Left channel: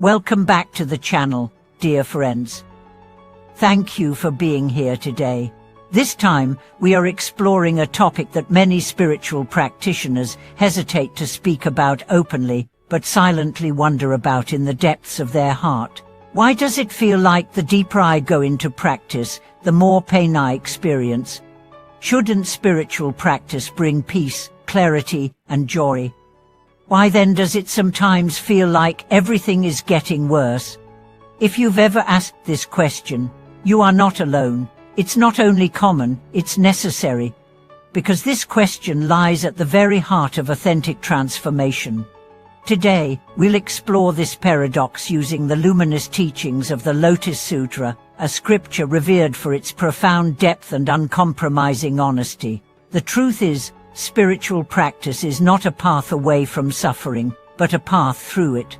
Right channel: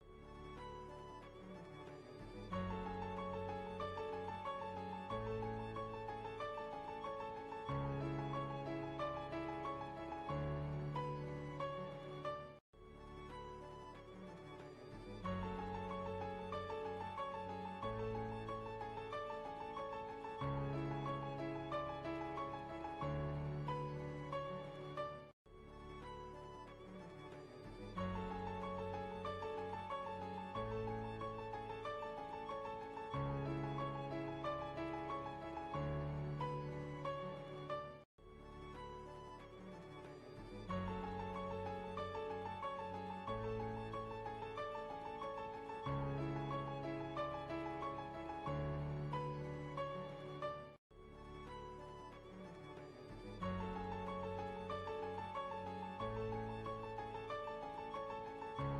Welcome back to the channel, dear friends. Thank you for being here today. This time, we are exploring a topic that many spiritual practitioners hesitate to speak about openly, but silently wonder about in the depths of their heart. Why does it feel like the deeper I go into practice, the more pain I experience? Shouldn't spiritual practice bring peace, clarity, and joy? Why then does it sometimes feel like everything is getting worse? If you've ever asked this question, you are not alone. It's not only common, it's necessary. Because this question lies at the very heart of authentic transformation. Today, we'll explore this paradox using the luminous teachings of the Lotus Sutra, a scripture revered for its profound depth and uncompromising honesty. The truth is, spiritual practice is not a path away from suffering, but a path through it.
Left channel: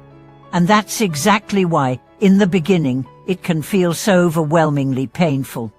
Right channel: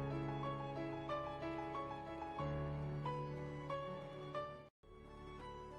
And that's exactly why, in the beginning, it can feel so overwhelmingly painful.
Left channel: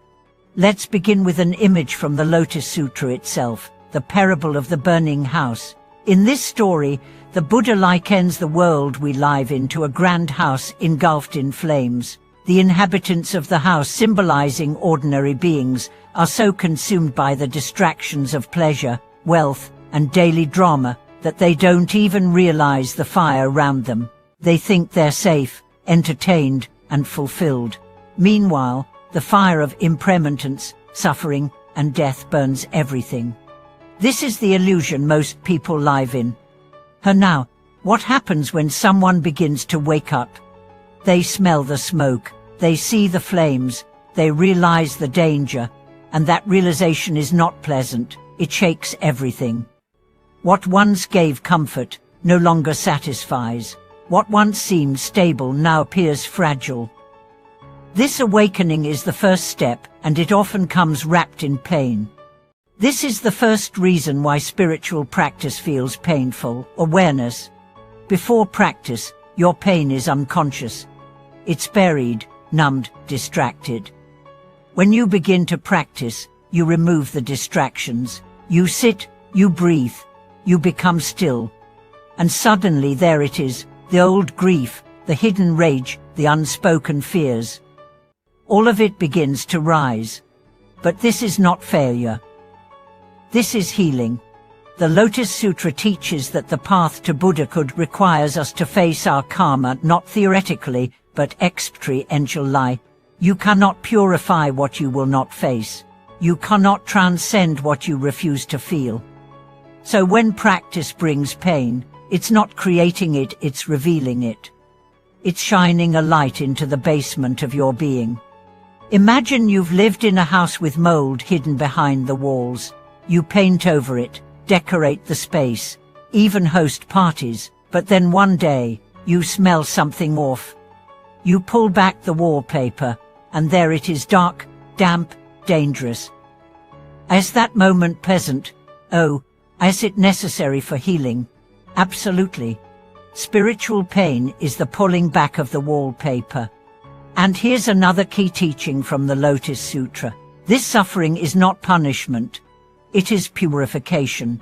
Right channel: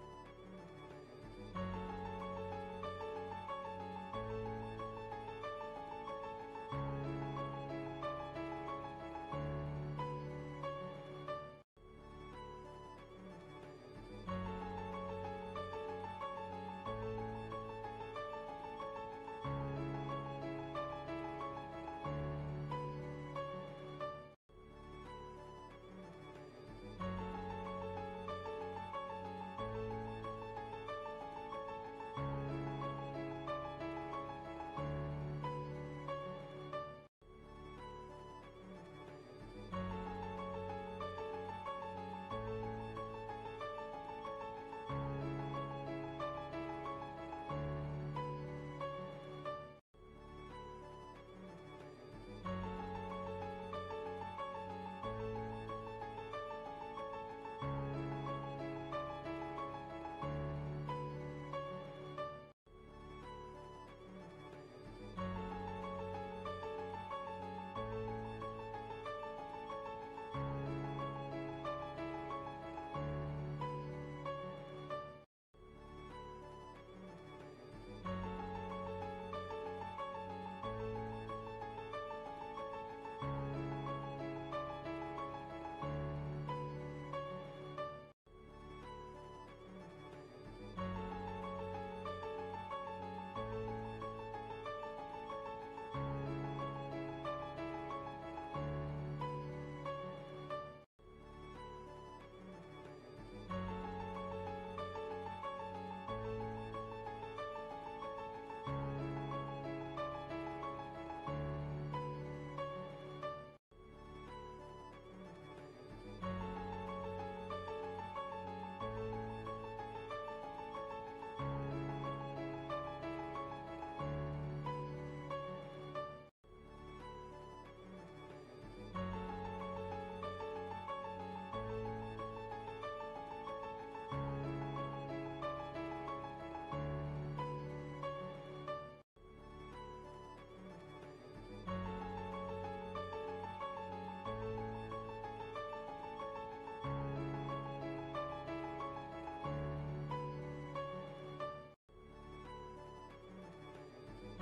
Let's begin with an image from the Lotus Sutra itself, the parable of the burning house. In this story, the Buddha likens the world we live in to a grand house engulfed in flames. The inhabitants of the house, symbolizing ordinary beings, are so consumed by the distractions of pleasure, wealth, and daily drama that they don't even realize the fire around them. They think they're safe, entertained, and fulfilled. Meanwhile, the fire of impermanence, suffering, and death burns everything. This is the illusion most people live in. And now, what happens when someone begins to wake up? They smell the smoke, they see the flames, they realize the danger, and that realization is not pleasant. It shakes everything. What once gave comfort no longer satisfies. What once seemed stable now appears fragile. This awakening is the first step, and it often comes wrapped in pain. This is the first reason why spiritual practice feels painful: awareness. Before practice, your pain is unconscious. It's buried, numbed, distracted. When you begin to practice, you remove the distractions. You sit, you breathe, you become still. And suddenly there it is, the old grief, the hidden rage, the unspoken fears. All of it begins to rise. But this is not failure. This is healing. The Lotus Sutra teaches that the path to Buddhahood requires us to face our karma not theoretically, but experientially. You cannot purify what you will not face. You cannot transcend what you refuse to feel. So when practice brings pain, it's not creating it, it's revealing it. It's shining a light into the basement of your being. Imagine you've lived in a house with mold hidden behind the walls. You paint over it, decorate the space, even host parties, but then one day, you smell something off. You pull back the wallpaper, and there it is, dark, damp, dangerous. Is that moment pleasant? Oh, is it necessary for healing? Absolutely. Spiritual pain is the pulling back of the wallpaper. And here's another key teaching from the Lotus Sutra. This suffering is not punishment. It is purification.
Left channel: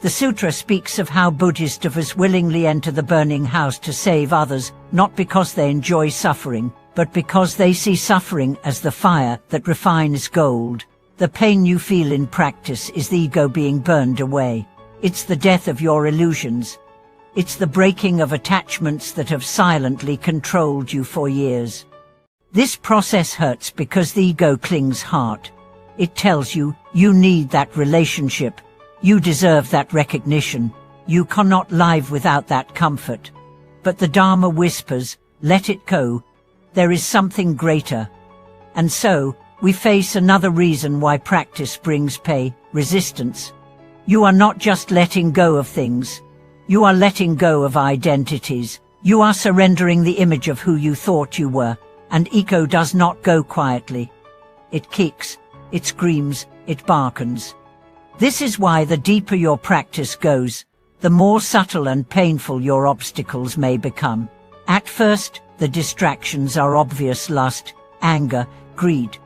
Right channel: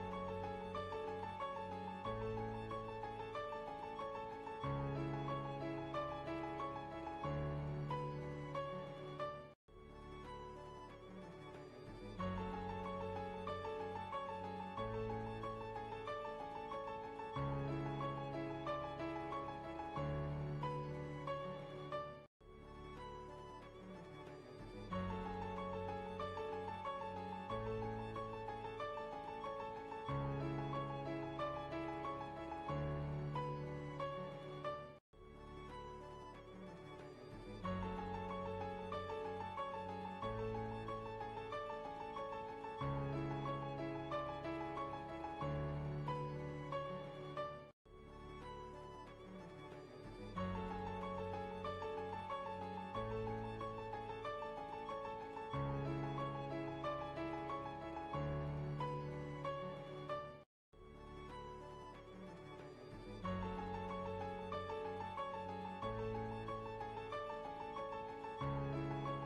The sutra speaks of how Bodhisattvas willingly enter the burning house to save others, not because they enjoy suffering, but because they see suffering as the fire that refines gold. The pain you feel in practice is the ego being burned away. It's the death of your illusions. It's the breaking of attachments that have silently controlled you for years. This process hurts because the ego clings hard. It tells you, you need that relationship. You deserve that recognition. You cannot live without that comfort. But the Dharma whispers, let it go. There is something greater. And so, we face another reason why practice brings pain: resistance. You are not just letting go of things. You are letting go of identities. You are surrendering the image of who you thought you were. And ego does not go quietly. It kicks, it screams, it barkens. This is why the deeper your practice goes, the more subtle and painful your obstacles may become. At first, the distractions are obvious: lust, anger, greed.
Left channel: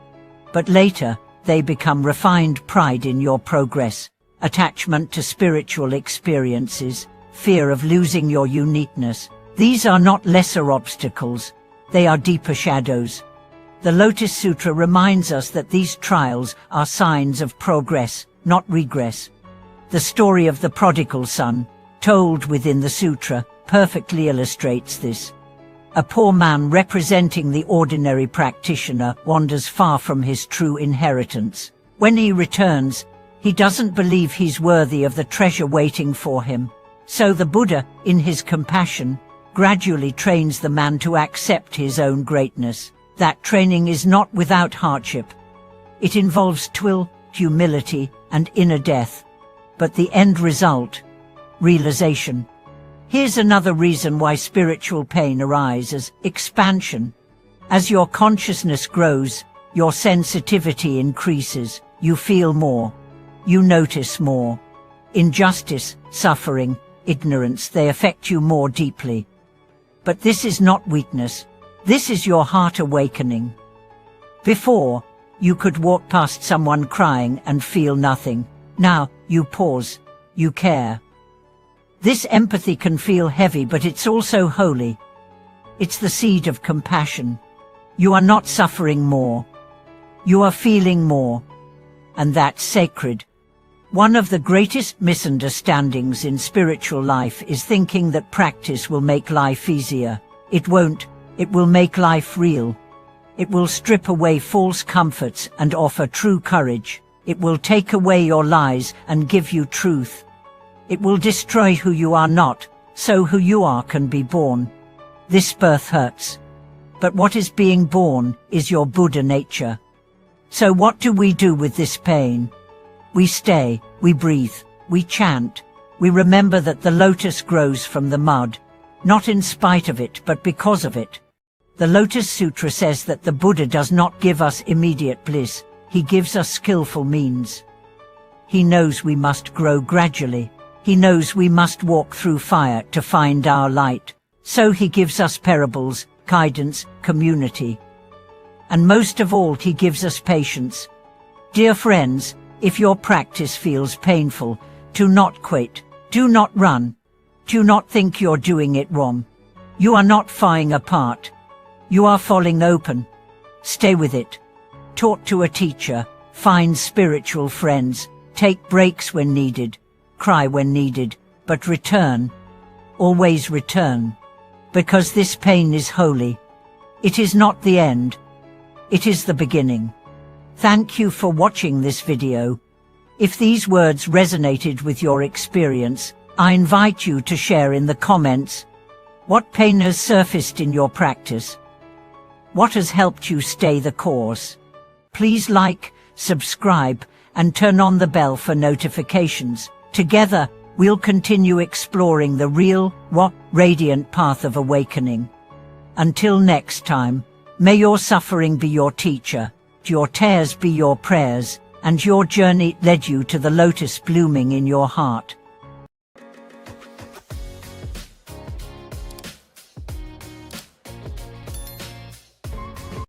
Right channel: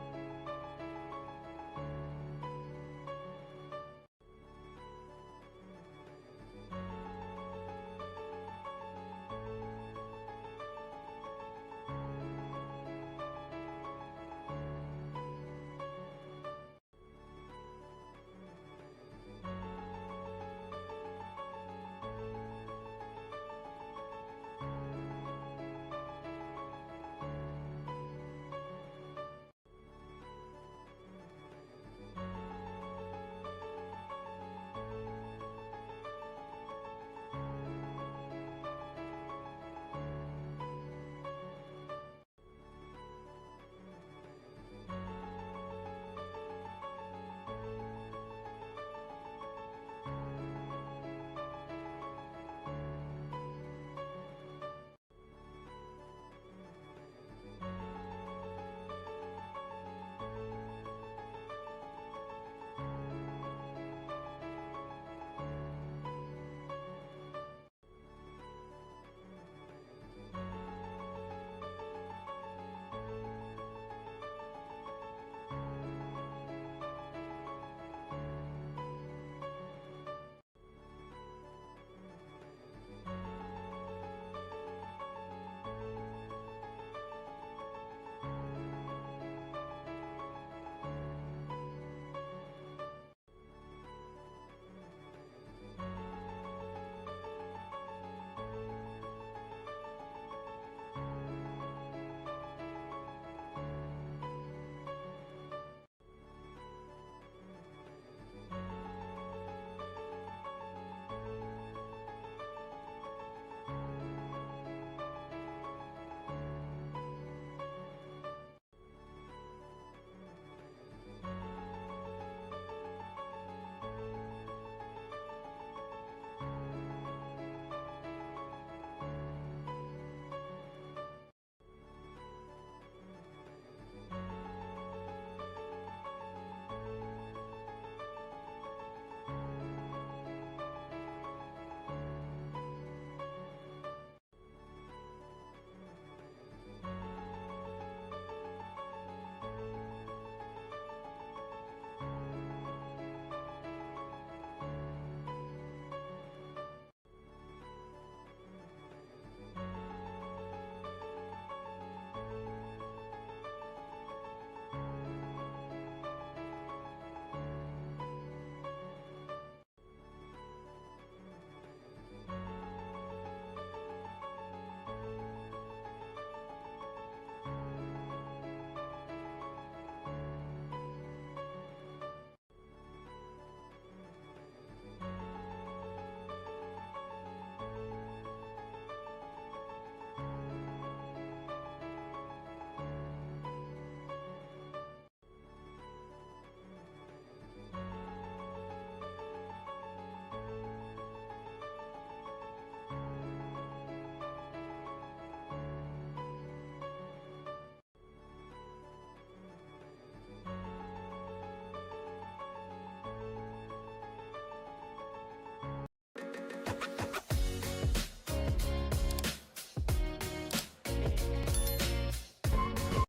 But later, they become refined pride in your progress, attachment to spiritual experiences, fear of losing your uniqueness, These are not lesser obstacles, they are deeper shadows. The Lotus Sutra reminds us that these trials are signs of progress, not regress. The story of the prodigal son, told within the sutra, perfectly illustrates this. A poor man representing the ordinary practitioner wanders far from his true inheritance. When he returns, he doesn't believe he's worthy of the treasure waiting for him. So the Buddha, in his compassion, gradually trains the man to accept his own greatness. That training is not without hardship. It involves toil, humility, and inner death. But the end result, realization. Here's another reason why spiritual pain arises: expansion. As your consciousness grows, your sensitivity increases. You feel more. You notice more. Injustice, suffering, ignorance, they affect you more deeply. But this is not weakness. This is your heart awakening. Before, you could walk past someone crying and feel nothing. Now, you pause. You care. This empathy can feel heavy, but it's also holy. It's the seed of compassion. You are not suffering more. You are feeling more. And that's sacred. One of the greatest misunderstandings in spiritual life is thinking that practice will make life easier. It won't. It will make life real. It will strip away false comforts and offer true courage. It will take away your lies and give you truth. It will destroy who you are not, so who you are can be born. This birth hurts. But what is being born is your Buddha nature. So what do we do with this pain? We stay, we breathe, we chant, we remember that the lotus grows from the mud, not in spite of it, but because of it. The Lotus Sutra says that the Buddha does not give us immediate bliss, he gives us skillful means. He knows we must grow gradually. He knows we must walk through fire to find our light. So he gives us parables, guidance, community. And most of all, he gives us patience. Dear friends, if your practice feels painful, do not quit, do not run, do not think you're doing it wrong. You are not falling apart. You are falling open. Stay with it. Talk to a teacher, find spiritual friends, take breaks when needed, cry when needed, but return. Always return. Because this pain is holy. It is not the end. It is the beginning. Thank you for watching this video. If these words resonated with your experience, I invite you to share in the comments what pain has surfaced in your practice. What has helped you stay the course? Please like, subscribe, and turn on the bell for notifications. Together, we'll continue exploring the real, radiant path of awakening. Until next time, may your suffering be your teacher, your tears be your prayers, and your journey lead you to the lotus blooming in your heart.